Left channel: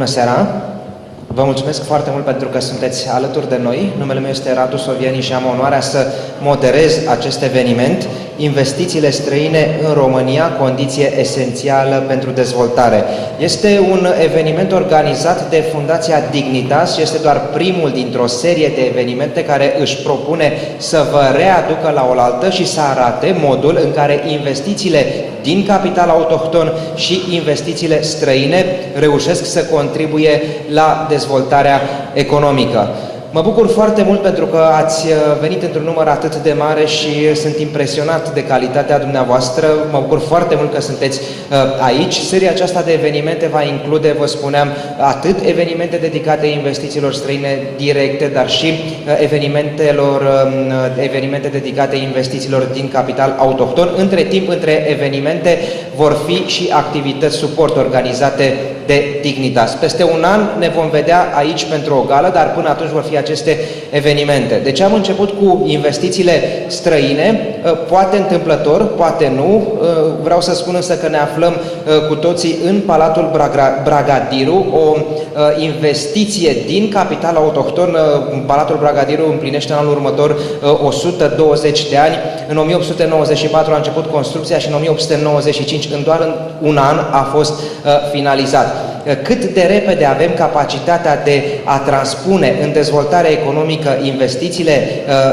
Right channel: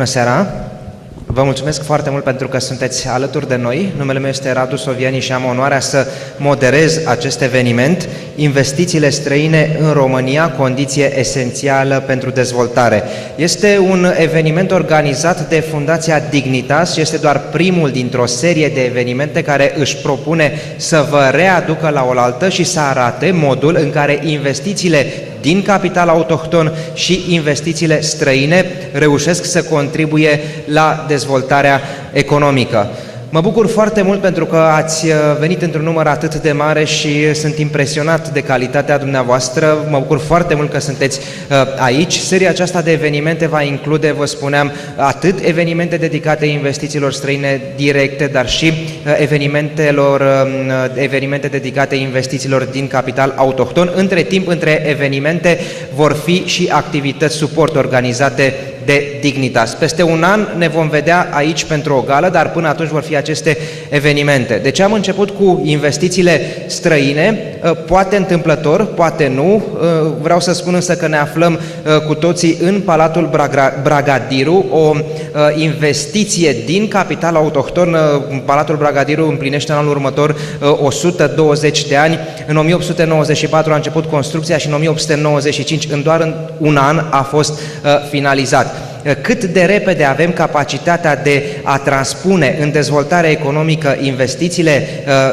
Bună seara! Vă mulțumesc foarte mult pentru că sunteți alături de noi. Numele meu este Radu Soviani și am onoarea să moderez acest eveniment, Investițiile străine în România, condiție esențială pentru dezvoltare. Este un eveniment organizat de Fundația Dignitas și este doar primul dintr-o serie de evenimente care își propune să vă readucă la oaltă și să arate modul în care investițiile din capital autohton și investițiile străine reușesc să contribuie la dezvoltarea economică. Mă bucur foarte mult pentru că ați venit într-un număr atât de mare și sunt impresionat de calitatea dumneavoastră. Mă bucur foarte mult că sunteți aici. Seria aceasta de evenimente va include, vă spuneam, atât evenimente dedicate investițiilor străine directe, dar și evenimente dedicate investițiilor din capital autohton. Între timp, între evenimente vor fi și activități suport organizate de Dignitas. Peste un an ne vom vedea aici pentru o gală, dar până atunci vor fi aceste evenimente. Deci am început cu investițiile străine, poate întâmplător, poate nu. Vreau să spun însă că ne aflăm cu toții în Palatul Bragadiru, o investiție din capital autohton. Palatul Bragadiru împlinește în anul următor 120 de ani. În 1894 a început construcția și în 1895, în doar un an, a fost finalizat. Cât de repede avem capacitatea de a transpune în dezvoltare economică investițiile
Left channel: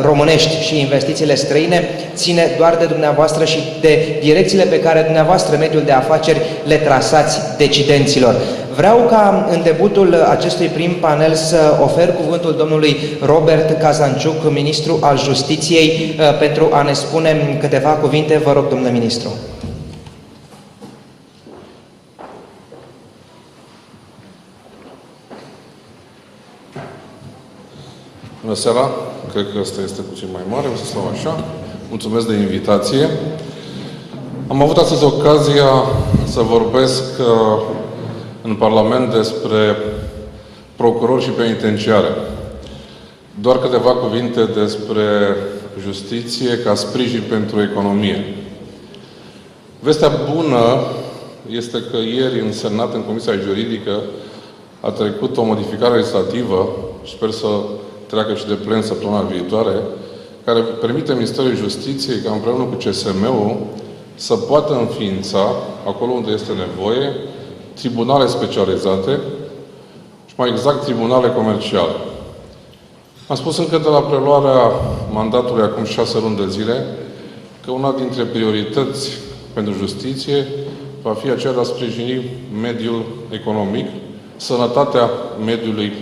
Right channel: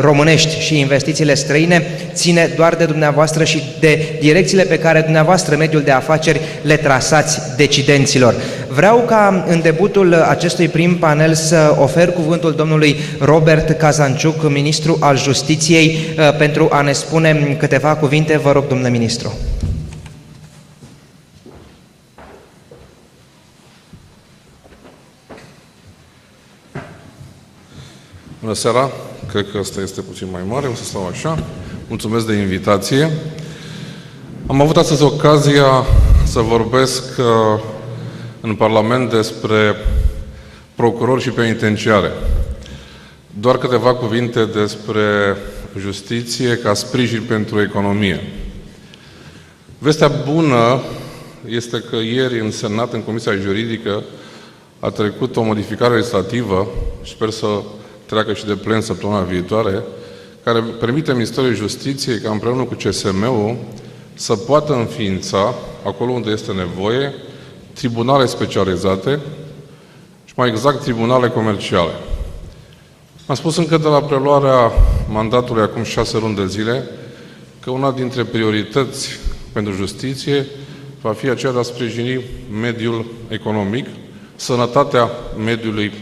românești și investițiile străine ține doar de dumneavoastră și de direcțiile pe care dumneavoastră, mediul de afaceri, le trasați decidenților. Vreau ca în debutul acestui prim panel să ofer cuvântul domnului Robert Cazanciuc, ministru al Justiției, pentru a ne spune câteva cuvinte. Vă rog, domnule ministru. Bună seara! Cred că ăsta este puțin mai mare, o să stau așa. Mulțumesc de invitație. Am avut astăzi ocazia să vorbesc în Parlament despre procurori și penitenciare. Doar câteva cuvinte despre justiție ca sprijin pentru economie. Vestea bună este că ieri în Senat, în Comisia Juridică, a trecut o modificare legislativă, sper să treacă și de plen săptămâna viitoare, care permite Ministerului Justiției ca împreună cu CSM-ul să poată înființa, acolo unde este nevoie, tribunale specializate și mai exact tribunale comerciale. Am spus încă de la preluarea mandatului acum 6 luni de zile că una dintre priorități pentru justiție va fi aceea de a sprijini mediul economic, sănătatea mediului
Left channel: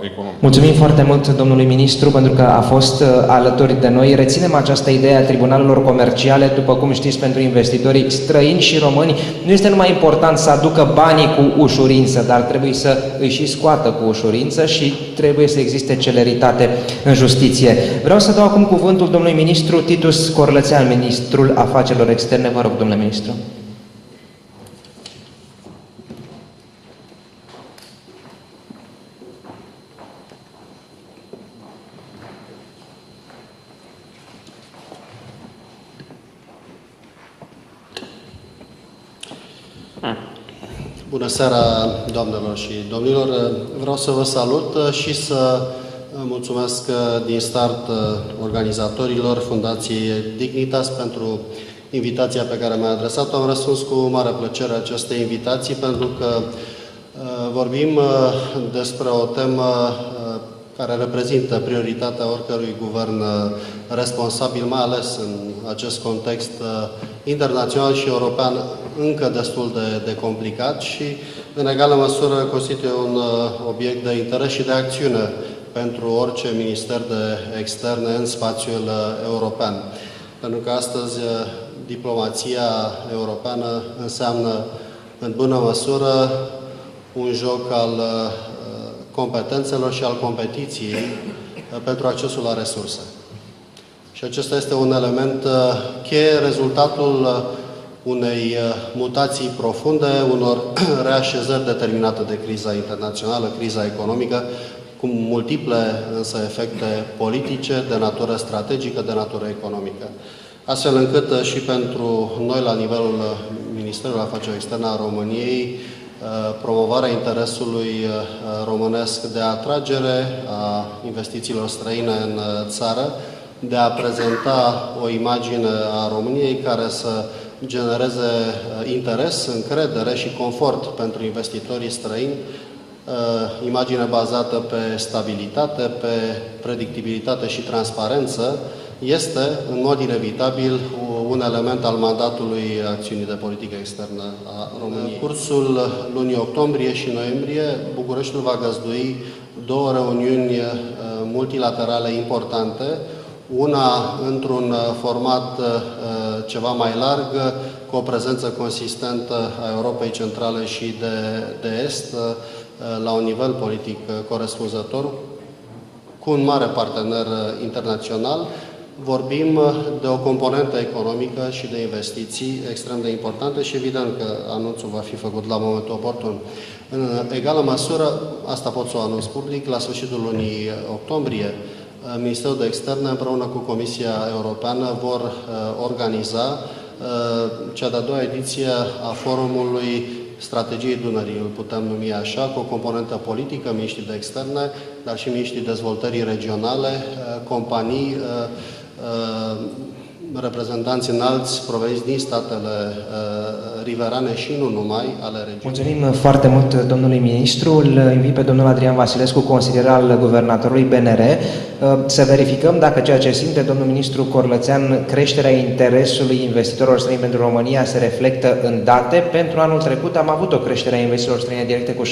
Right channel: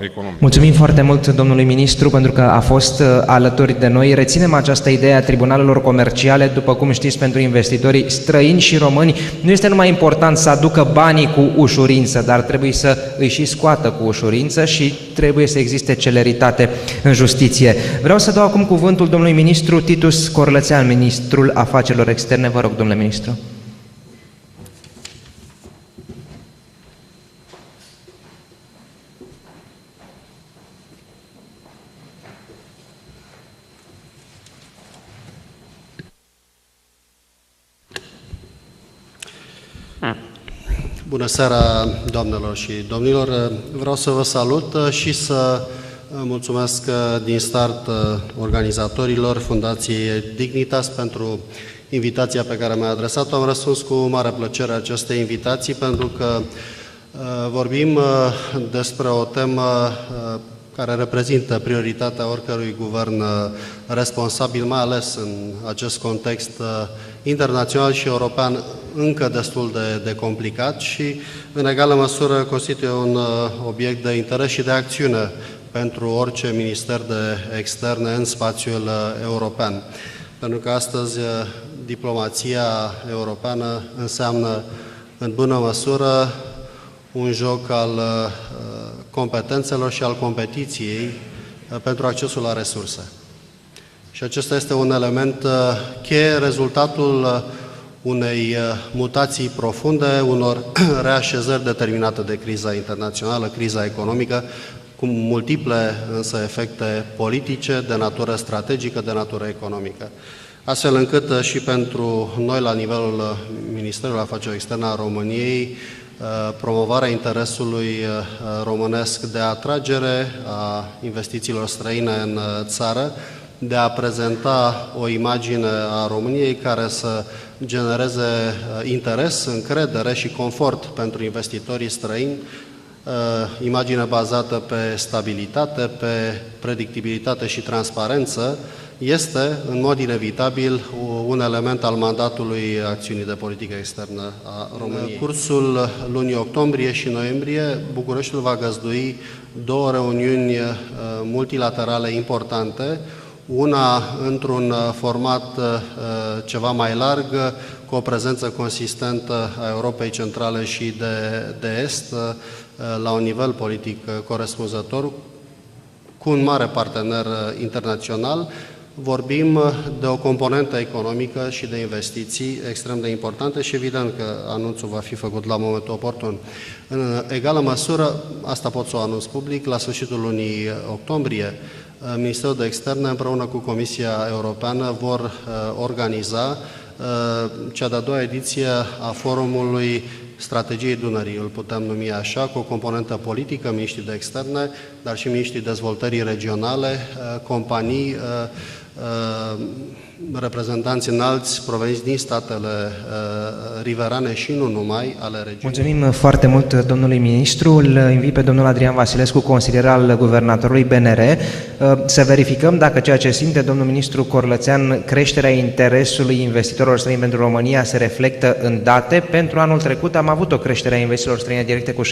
economic. Mulțumim foarte mult domnului ministru pentru că a fost alături de noi. Reținem această idee a tribunalelor comerciale. După cum știți, pentru investitorii străini și români nu este numai important să aducă banii cu ușurință, dar trebuie să îi și scoată cu ușurință și trebuie să existe celeritate în justiție. Vreau să dau acum cuvântul domnului ministru Titus Corlățean, ministrul afacerilor externe. Vă rog, domnule ministru. Bună seara, doamnelor și domnilor! Vreau să vă salut și să mulțumesc din start organizatorilor Fundației Dignitas pentru invitația pe care mi-a adresat-o. Am răspuns cu mare plăcere acestei invitații pentru că vorbim despre o temă care reprezintă prioritatea oricărui guvern responsabil, mai ales în acest context internațional și european încă destul de complicat și, în egală măsură, constituie un obiect de interes și de acțiune pentru orice minister de externe în spațiul european. Pentru că astăzi diplomația europeană înseamnă, în bună măsură, un joc al competențelor și al competiției pentru accesul la resurse. Și acesta este un element cheie, rezultatul unei mutații profunde, unor reașezări determinate de criza internațională, criza economică, cu multiple însă efecte politice, de natură strategică, de natură economică. Astfel încât și pentru noi, la nivelul Ministerului Afacerilor Externe a României, promovarea interesului românesc de atragere a investițiilor străine în țară, de a prezenta o imagine a României care să genereze interes, încredere și confort pentru investitorii străini, imagine bazată pe stabilitate, pe predictibilitate și transparență, este, în mod inevitabil, un element al mandatului acțiunii de politică externă a României. În cursul lunii octombrie și noiembrie, Bucureștiul va găzdui două reuniuni multilaterale importante, una într-un format ceva mai larg, cu o prezență consistentă a Europei Centrale și de Est, la un nivel politic corespunzător, cu un mare partener internațional. Vorbim de o componentă economică și de investiții extrem de importante și evident că anunțul va fi făcut la momentul oportun. În egală măsură, asta pot să o anunț public, la sfârșitul lunii octombrie, Ministerul de Externe împreună cu Comisia Europeană vor organiza cea de-a doua ediție a forumului Strategiei Dunării, îl putem numi așa, cu o componentă politică, miniștrii de externe, dar și miniștrii dezvoltării regionale, companii, reprezentanți înalți proveniți din statele riverane și nu numai ale regiunii. Mulțumim foarte mult domnului ministru. Îl invit pe domnul Adrian Vasilescu, consilier al guvernatorului BNR, să verificăm dacă ceea ce simte domnul ministru Corlățean, creșterea interesului investitorilor străini pentru România, se reflectă în date. Pentru anul trecut am avut o creștere a investițiilor străine directe cu 16,7%.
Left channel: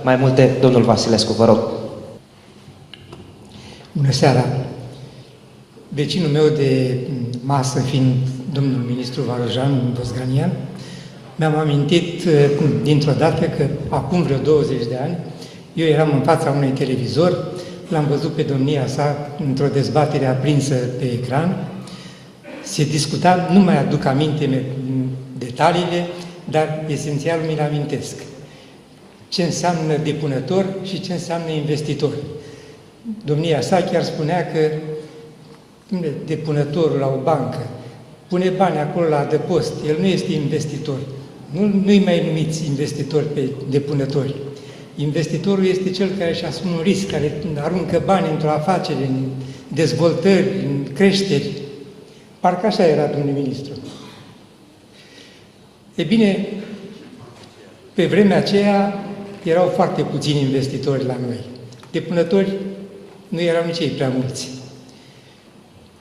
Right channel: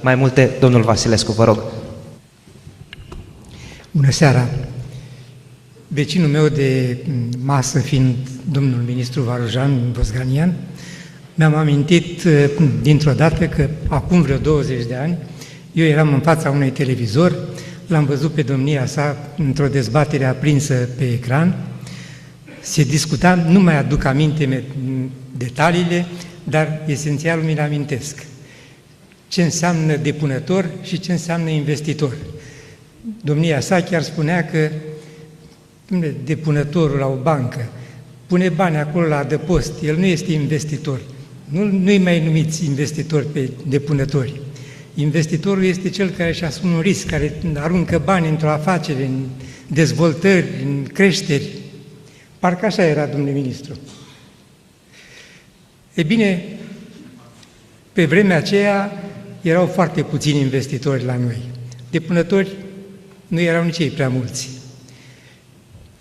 Mai multe, domnul Vasilescu, vă rog. Bună seara! Vecinul meu de masă, fiind domnul ministru Varujan Vosganian, mi-am amintit dintr-o dată că acum vreo 20 de ani eu eram în fața unui televizor, l-am văzut pe domnia sa într-o dezbatere aprinsă pe ecran, se discuta, nu mai aduc aminte detaliile, dar esențial mi-l amintesc. Ce înseamnă depunător și ce înseamnă investitor. Domnia sa chiar spunea că depunătorul la o bancă pune bani acolo la adăpost, el nu este investitor. Nu-i mai numiți investitori pe depunători. Investitorul este cel care își asumă un risc, care aruncă bani într-o afacere, în dezvoltări, în creșteri. Parcă așa era, domnule ministru. E bine, pe vremea aceea erau foarte puțini investitori la noi. Depunători nu erau nici ei prea mulți.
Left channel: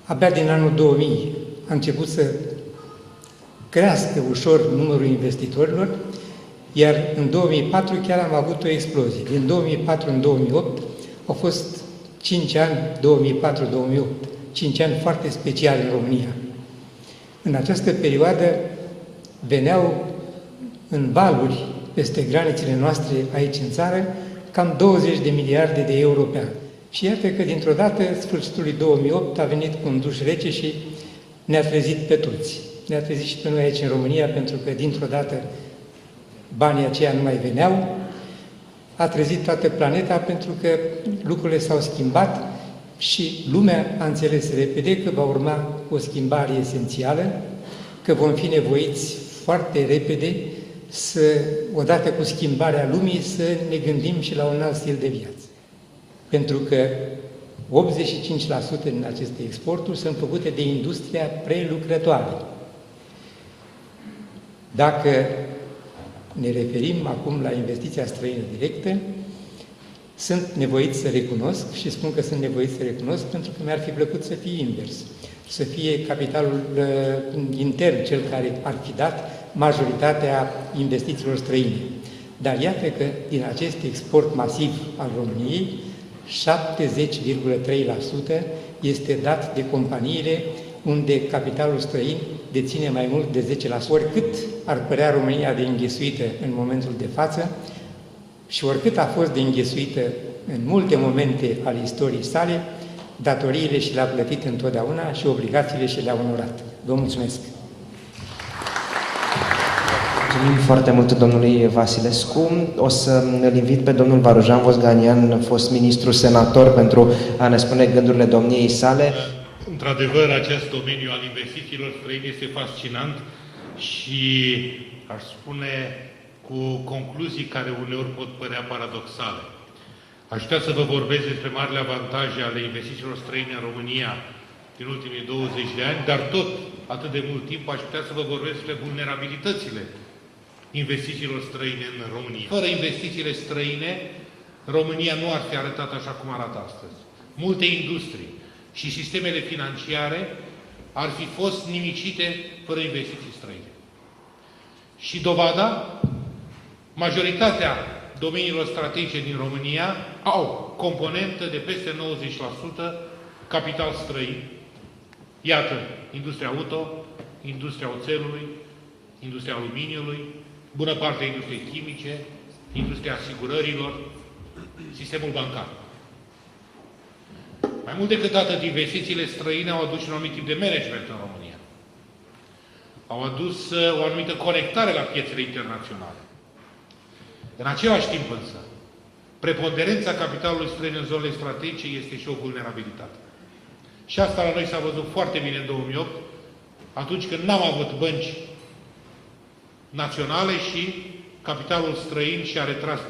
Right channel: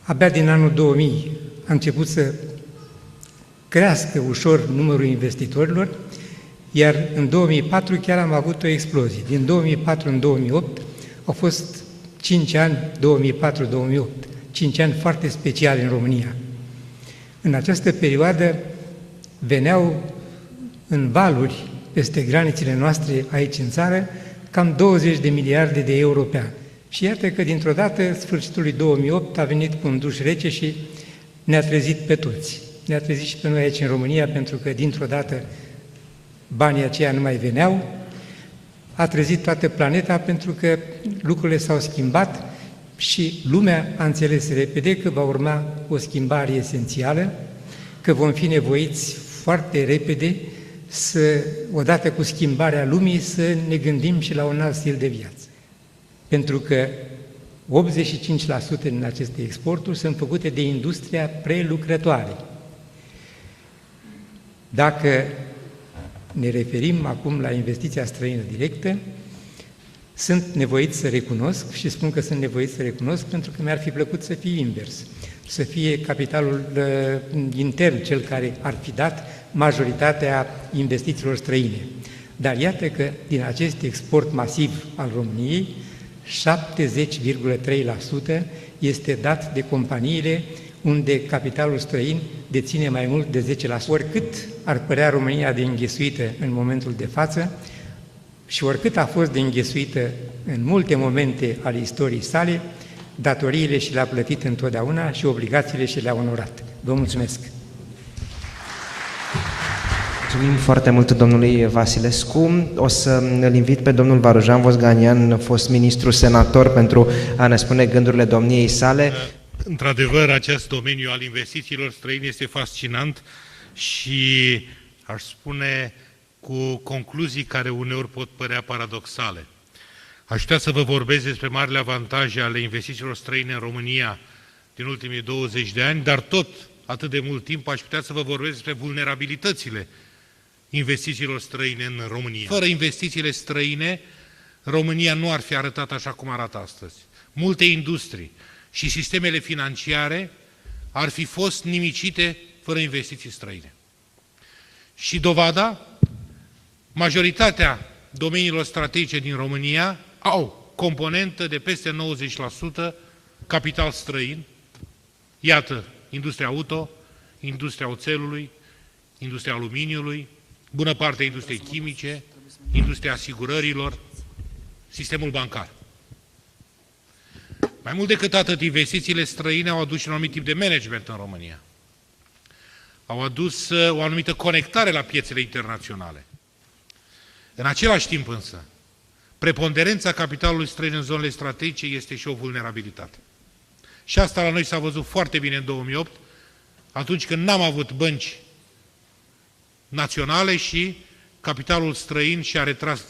Abia din anul 2000 a început să crească ușor numărul investitorilor, iar în 2004 chiar am avut o explozie. Din 2004 în 2008 au fost 5 ani, 2004-2008, 5 ani foarte speciali în România. În această perioadă veneau în valuri peste granițele noastre aici în țară cam 20 de miliarde de euro pe an. Și iată că dintr-o dată, sfârșitul lui 2008, a venit cu un duș rece și ne-a trezit pe toți. Ne-a trezit și pe noi aici în România, pentru că dintr-o dată banii aceia nu mai veneau. A trezit toată planeta pentru că lucrurile s-au schimbat și lumea a înțeles repede că va urma o schimbare esențială, că vom fi nevoiți foarte repede să, odată cu schimbarea lumii, să ne gândim și la un alt stil de viață. Pentru că 85% din aceste exporturi sunt făcute de industria prelucrătoare. Dacă ne referim acum la investiția străină directă, sunt nevoit să recunosc, și spun că sunt nevoit să recunosc pentru că mi-ar fi plăcut să fie invers, să fie capitalul intern cel care ar fi dat majoritatea investițiilor străine. Dar iată că din acest export masiv al României, 70,3% este dat de companiile unde capitalul străin deține mai mult de 10%, oricât ar părea România de înghesuită în momentul de față și oricât a fost de înghesuită în multe momente ale istoriei sale, datoriile și le-a plătit întotdeauna și obligațiile și le-a onorat. Vă mulțumesc! Mulțumim foarte mult domnului Vasilescu. O să îl invit pe domnul Varujan Vosganian, fost ministru senator, pentru a ne spune gândurile domniei sale. Într-adevăr, acest domeniu al investițiilor străine este fascinant și, aș spune, cu concluzii care uneori pot părea paradoxale. Aș putea să vă vorbesc despre marile avantaje ale investițiilor străine în România din ultimii 20 de ani, dar tot atât de mult timp aș putea să vă vorbesc despre vulnerabilitățile investițiilor străine în România. Fără investițiile străine, România nu ar fi arătat așa cum arată astăzi. Multe industrii și sistemele financiare ar fi fost nimicite fără investiții străine. Și dovada, majoritatea domeniilor strategice din România au componentă de peste 90% capital străin. Iată, industria auto, industria oțelului, industria aluminiului, bună parte a industriei chimice, industria asigurărilor, sistemul bancar. Mai mult decât atât, investițiile străine au adus un anumit tip de management în România. Au adus o anumită conectare la piețele internaționale. În același timp însă, preponderența capitalului străin în zonele strategice este și o vulnerabilitate. Și asta la noi s-a văzut foarte bine în 2008, atunci când n-am avut bănci naționale și capitalul străin și-a retras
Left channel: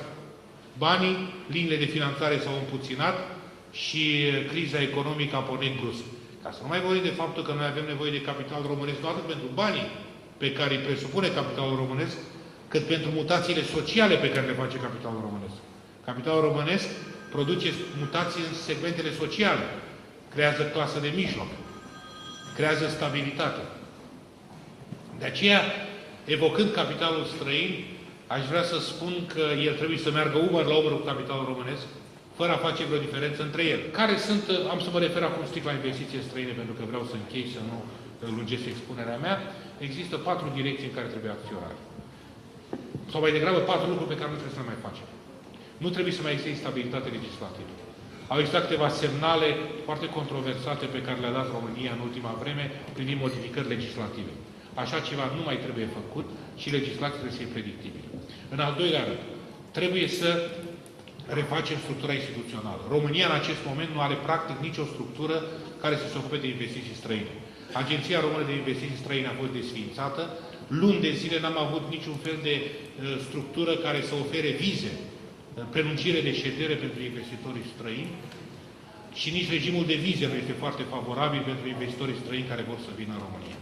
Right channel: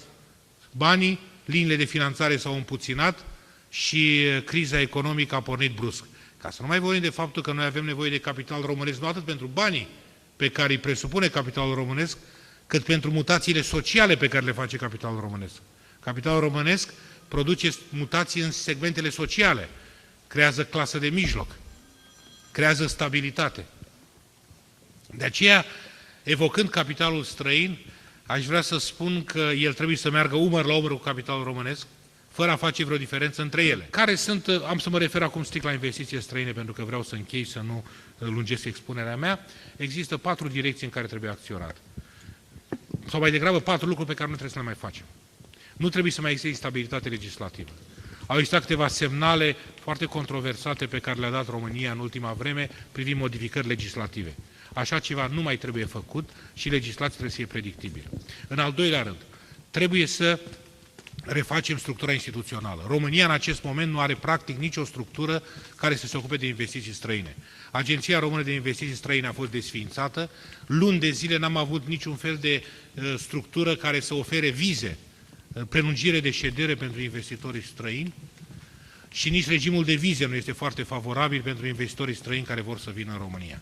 banii, liniile de finanțare s-au împuținat și criza economică a pornit brusc. Ca să nu mai vorbim de faptul că noi avem nevoie de capital românesc, nu atât pentru banii pe care îi presupune capitalul românesc, cât pentru mutațiile sociale pe care le face capitalul românesc. Capitalul românesc produce mutații în segmentele sociale, creează clasă de mijloc, creează stabilitate. De aceea, evocând capitalul străin, aș vrea să spun că el trebuie să meargă umăr la umăr cu capitalul românesc, fără a face vreo diferență între ele. Care sunt, am să mă refer acum strict la investiții străine, pentru că vreau să închei, să nu lungesc expunerea mea. Există 4 direcții în care trebuie acționat. Sau mai degrabă 4 lucruri pe care nu trebuie să le mai facem. Nu trebuie să mai existe instabilitate legislativă. Au existat câteva semnale foarte controversate pe care le-a dat România în ultima vreme privind modificări legislative. Așa ceva nu mai trebuie făcut și legislația trebuie să fie predictibilă. În al doilea rând, trebuie să refacem structura instituțională. România în acest moment nu are practic nicio structură care să se ocupe de investiții străine. Agenția Română de Investiții Străine a fost desființată. Luni de zile n-am avut niciun fel de structură care să ofere vize, prelungire de ședere pentru investitorii străini și nici regimul de vize nu este foarte favorabil pentru investitorii străini care vor să vină în România.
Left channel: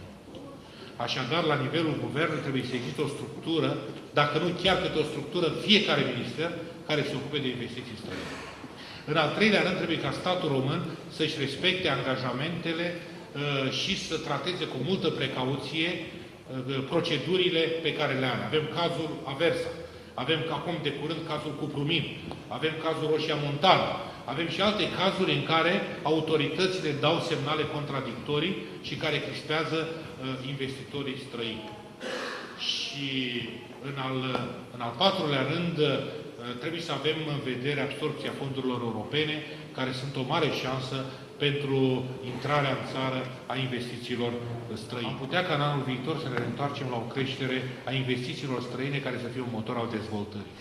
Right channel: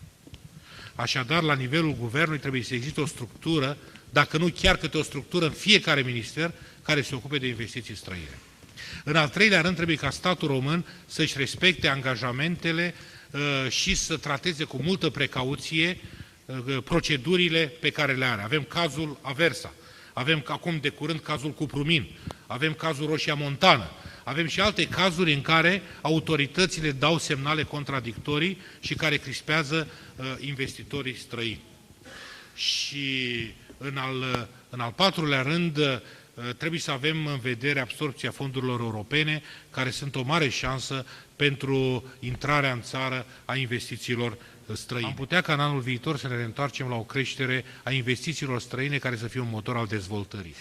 Așadar, la nivelul guvernului trebuie să existe o structură, dacă nu chiar câte o structură în fiecare minister, care se ocupe de investiții străine. În al treilea rând, trebuie ca statul român să-și respecte angajamentele și să trateze cu multă precauție procedurile pe care le are. Avem cazul Aversa, avem acum de curând cazul Cuprumin, avem cazul Roșia Montană, avem și alte cazuri în care autoritățile dau semnale contradictorii și care crispează investitorii străini. Și în al patrulea rând, trebuie să avem în vedere absorbția fondurilor europene, care sunt o mare șansă pentru intrarea în țară a investițiilor străine. Am putea ca în anul viitor să ne reîntoarcem la o creștere a investițiilor străine care să fie un motor al dezvoltării.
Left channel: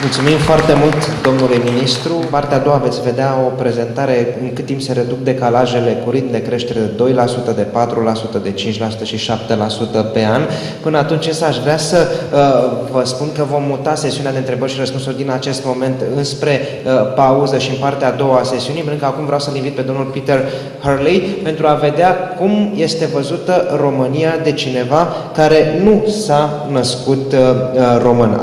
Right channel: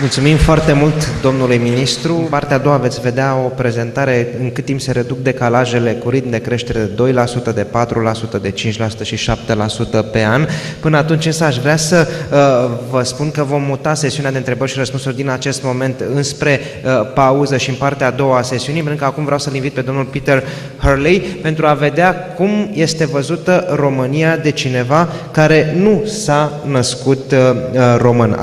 Mulțumim foarte mult, domnului ministru. În partea a doua veți vedea o prezentare în cât timp se reduc decalajele cu ritm de creștere de 2%, de 4%, de 5% și 7% pe an. Până atunci însă aș vrea să vă spun că vom muta sesiunea de întrebări și răspunsuri din acest moment înspre pauză și în partea a doua a sesiunii, pentru că acum vreau să-l invit pe domnul Peter Hurley pentru a vedea cum este văzută România de cineva care nu s-a născut român.